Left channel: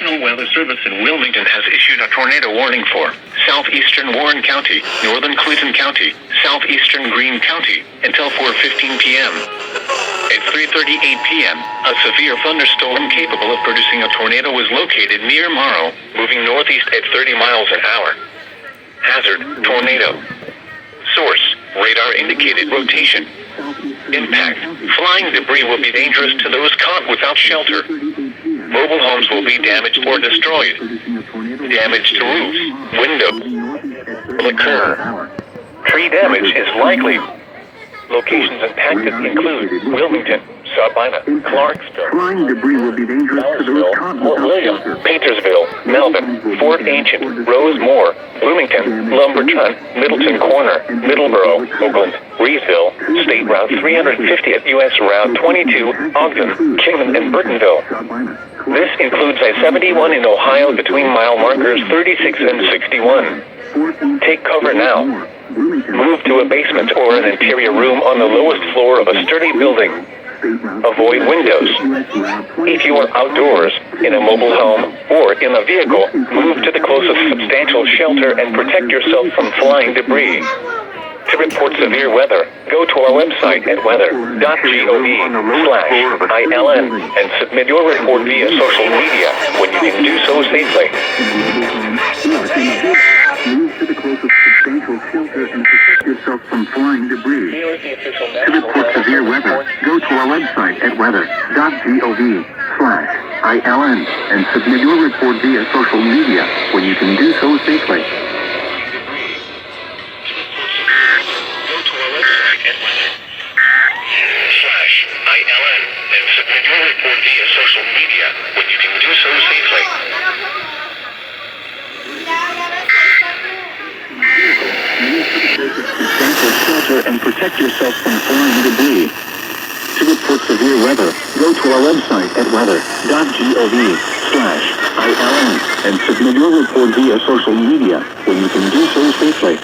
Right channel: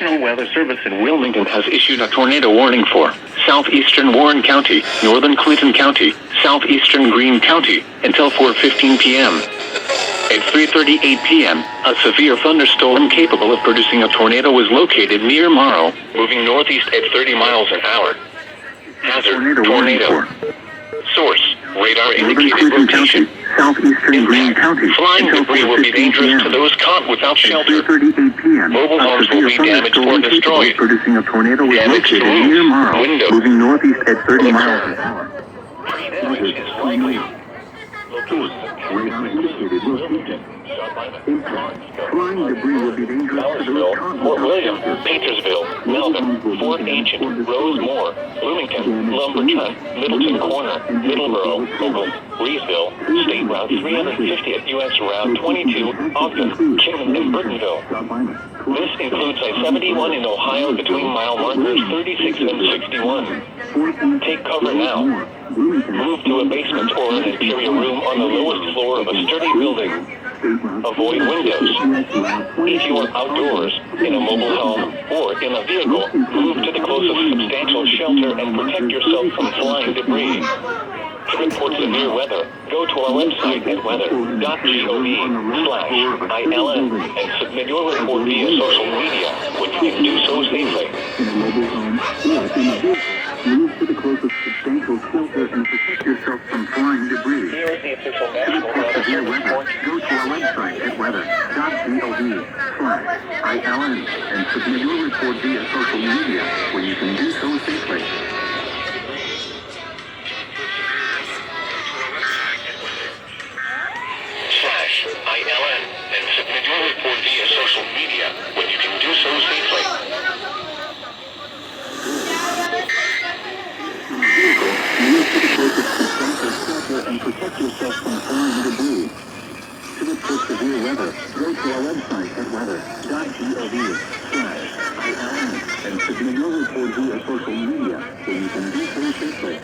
National Weather Service in Wilmington has issued a tornado warning for southeastern Warren County, northern Clinton County, southeastern Greene County, until 4:15 p.m. At 3:38 p.m., a severe thunderstorm capable of producing a tornado was located near Morrow, moving northeast at 30 miles an hour. Hazard, tornado. Source, radar indicated rotation. Impact, flying debris will be dangerous to those caught without shelter. Mobile homes will be damaged or destroyed. Damage to roofs, windows will occur. Tree damage is likely. Locations impacted include Wilmington, Sabina, Clarksville, Flying debris will be dangerous to those caught Fort without William, shelter. Paintersville, Melvin, Fort Ancient, Rosemore, Bloomington, Lumberton, Middleton Corner, Middleborough, Oakland, Reevesville, State Route 350 at U.S. Route 22, Ogden, Kingman, and Burtonville. This includes I-71 in Ohio between mile markers 36 and 61. Take cover now. Move to a basement or an interior room on the lowest floor of a sturdy building. Avoid windows. If you are outdoors, in a mobile home, or in a vehicle, move to the closest substantial shelter and protect yourself from flying debris. To report severe weather, go to our website at weather.gov/ILN and submit your report via social media when you can do so safely. Move to the closest substantial shelter and protect yourself from flying debris. Here is the official To National report Weather severe Service weather, report. go to our website at weather.gov/ILN and submit your report via social media when you can do so safely. /ILN and submit your report via social media when you can do so safely. Move to the closest substantial shelter and protect yourself from flying debris. To report severe weather, go to our website at weather.gov/ILN and submit your report via social media when you can do so safely.